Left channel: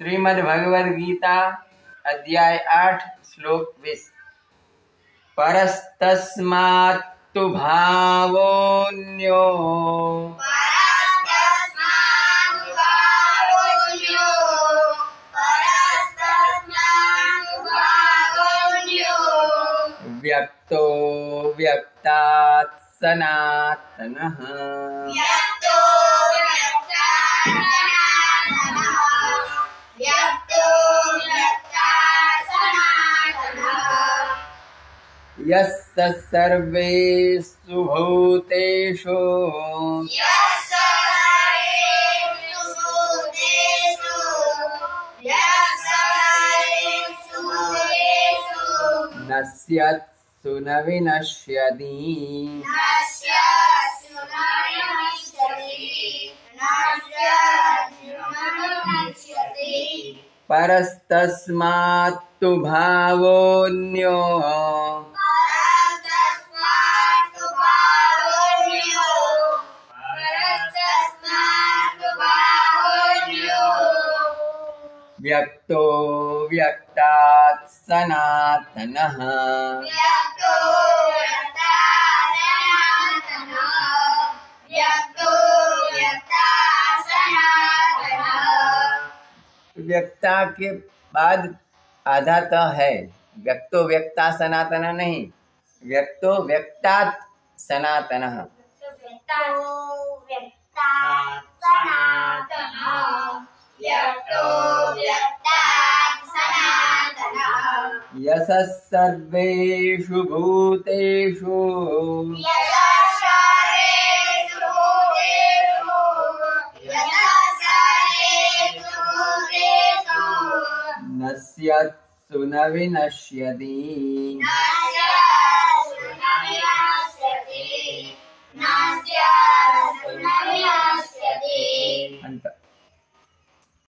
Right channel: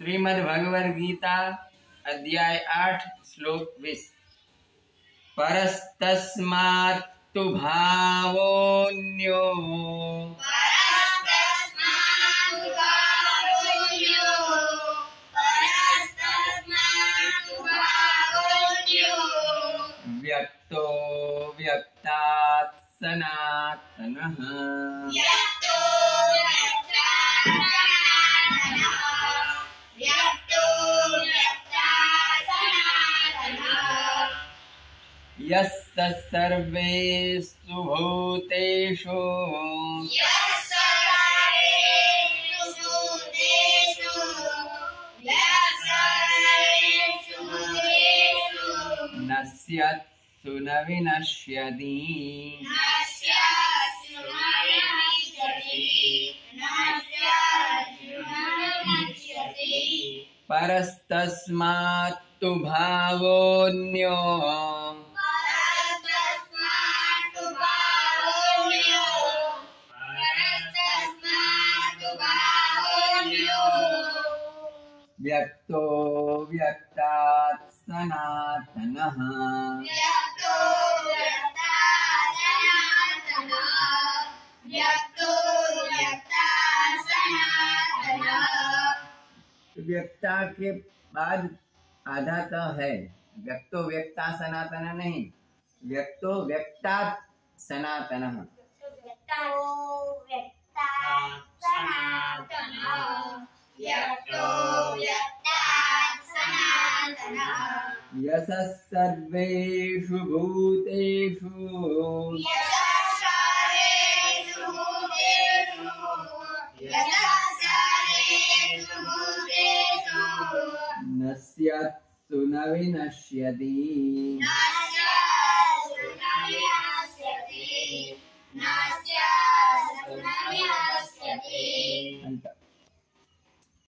श्रीमद् भगवद गीता अध्याय 8 श्लोक 20। परस्तस्मात्तु भावोऽन्यो व्यक्तो व्यक्तात् सनातनः। यस्य सर्वेषु भूतेषु नश्यत्सु न विनश्यति। परस्तस्मात्तु भावोऽन्यो व्यक्तो व्यक्तात् सनातनः। व्यक्ता के बाद आधा त है, व्यक्तो व्यक्ता सनातन नहीं, व्यक्तो व्यक्तात् सनातनः। यशः सर्वेषु भूतेषु नश्यत्सु न विनश्यति।